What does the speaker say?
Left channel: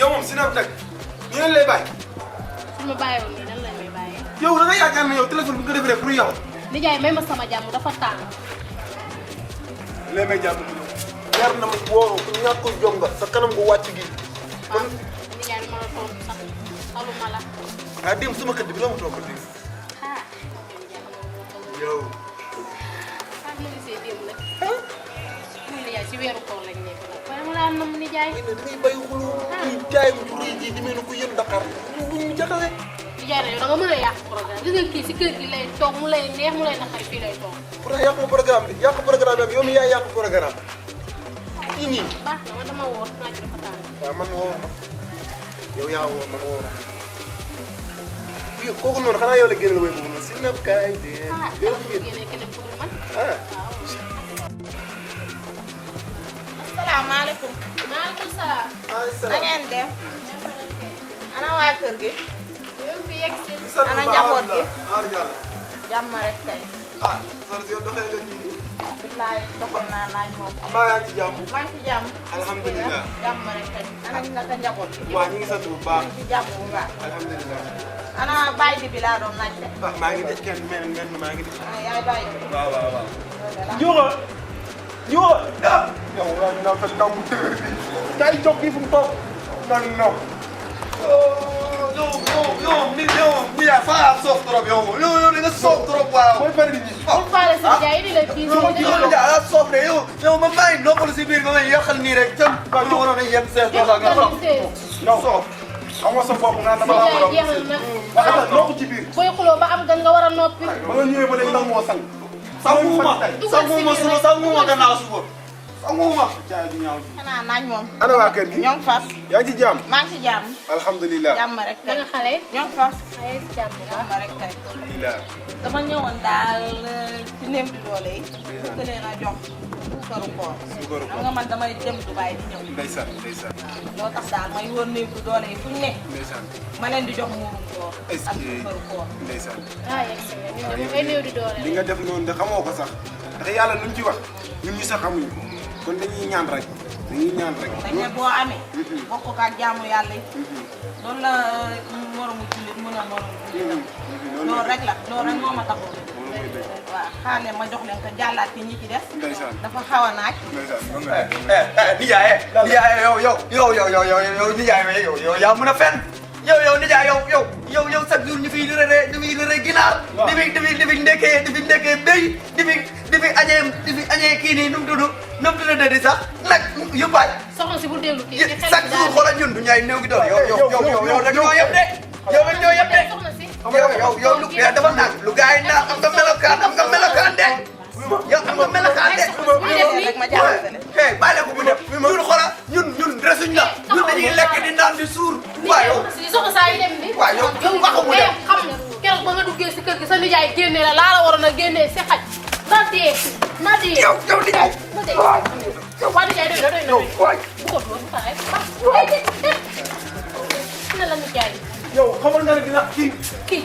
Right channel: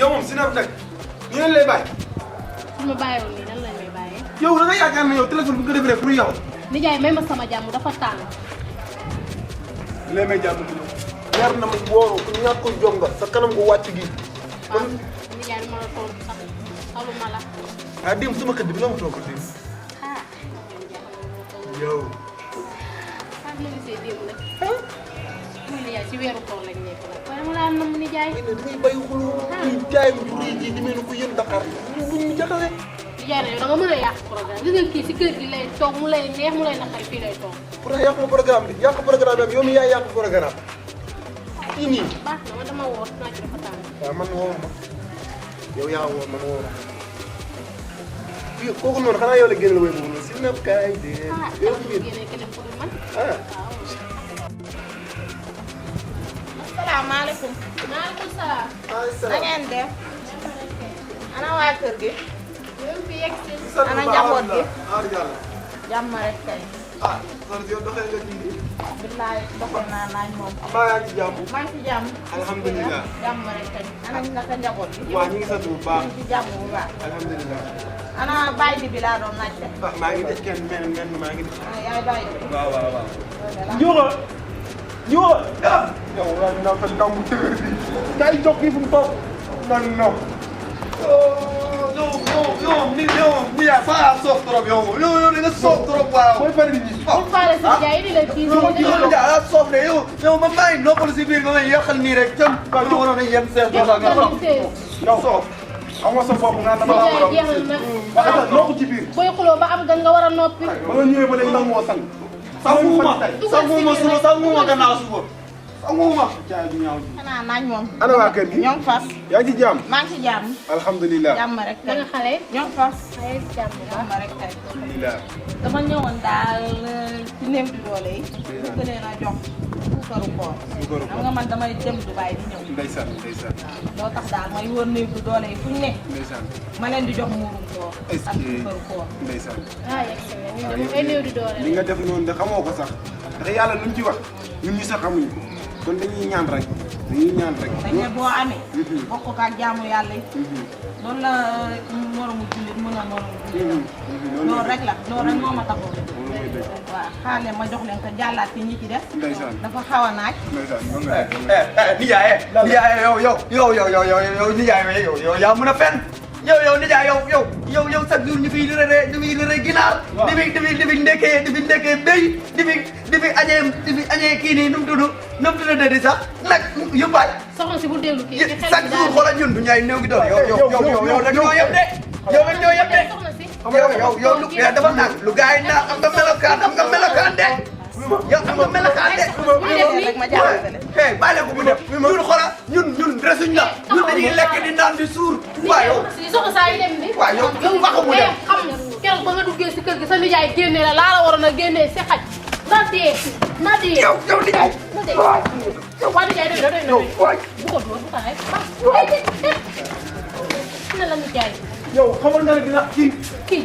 yow moom si naan nag ñu leen lay bàyyi. su ma bàyyiwoon lan la ñuy bàyyi. yow da nga yaakaar ne yow téléphone bu ko defee pour yow. nijaay may ma sama jàmm dafa tàng. léegi may jàpp leer na ma wóoroo ku ñàkk jom nga sa kanam nga wàcc gi. kon nijaay ma la toog sax aluma la. ah démb sama kër gi dina am toog. yow. ah mu ngi see démb la. muy nijaay si weeru koor lañ nekk. waaye mu laa nam nijaay. ñu ne bay xul ñu jaay ñu ñuy ji di mel fi yéen Dakar ñu ñu jotale. nijaay na yow nga mën a yàq programme gis nga kii si kër gi lay toog mu lay neex mu lay naxay fii lay toog. pour yàq programme bi yàq programme bi yow mi yaay yàq programme fii nii. ah man dama woo. waaw man woo yow yaa woo man woo la. yow kooku noonu xanaa yow la génn la wéy boobu si na kaay de. yow mi génne keneen ku dul man. ah. asalaamaaleykum. maaleykum salaam. na ngeen dem. ana waa kër gi. yow mi yegg si. ana njaboot bi. ah yàlla. jàmm rek tey. ah man yow doxee nga nii. billaay doxoon naa laaj moom. maa yaa ci jàmm. maa ngi ci jàmm. alhamdulilah. jàmm rek tey. ana naka njaboot bi. waaw ñu ngi sant bu baax. ci jàmm bu baax. alhamdulilah. ana bàyyi bi laa doon laajte. ah maa ngi des kenn mel ngeen maa ngi. yaay bàyyi bi. waaw waaw waaw. Njóoba. Njóoba. ah. yow waaw naa ko ndaw mu tëgg. day jóg fii fu mu toog. non non. yow yaa saa soof trop yow yow li nga soof trop waaw. mooy bëri nit ñi. bu paree si nijaay indi la kii yow yaa soof de yow man maa ngi noppalu si biir ba may yàqal nii rek tën. waaw lu waroon a yem seen bopp nga soof. nga soof. xam nga sa bopp nga dama la war a. jeexal nag. waaw noppi ci biir. booy xuloo ba am gan nga war a noppi. ba nga ñëwee ba léegi ndax moo sang. sanguma suba sanguma gannaaw suba. sanguma. xanaa naaj moom. ana waa kër gi. ñoo ngi fas. yaa ngi ci jàmm. maa ngi ci jàmm. alhamdulilah. jàmm rek da tey. nga xale. ñoo ngi fas. ay jàmm la. jàmm rek tey. alhamdulilah. dama ñëwoon daal ci néew bi doole yi. bëgg leen a jox suukaru koor. xam nga man damay dem Dubaay di ñëw. ndeysaan ndeysaan. moo tax daal may wër néew bi doole yi fu ñu ne. ndeysaan. ma leen di jox muurum koor. est-ce ak que suukaru koor. ndeysaan. ah yéen ay néew di doole. li nga def noonu de xamoo ko sax ndax yàlla lu mu ci wax ñun ñu sax xamuñu ko kon dañuy ñaan rek dañuy ñaan rek. dañ ne boo amee. bokk ko ak jaamu yàlla yi. loolu la moromu jullit mën a moromu jullit. loolu rek la loolu rek moo ma taxoon. waaw xaar leen ma jox leen ko jàllaat fi ñi ci def. ndeysaan dafa xaw a naaj. nijaay nijaay yow nijaay yow yaa mën a fenn yow nijaay yow chaque jour ñu fiy lëre ginaar di fi ndekkee béy di fi añee kii nii nu mu tudd di sax nag yu bari soxna si bu dellu kii ci xel chaque jour xoolal ñun du ñaay néew gi doon yow nag ñoo yem de yow lu dafa naan lu gars yi naan am nga melokaan de yow am nga melokaan de rek ma jàllale leen. bàyyi la ko bu def ñun xoolal ñun resuñ la ñun dañuy lekk di naan di suur waaw yow soxna saa yi dem ni. waaw yow waxu bu def xam na keroog ba nga duggee si kër gi sa nijaay génne la laa la waroon a génnee si xaj. na dee. yow nijaay waa nijaay dégg nga dégg nga. waay bu ko doon ba pare. ne la nijaay yow xamal nga ne dina kii kii.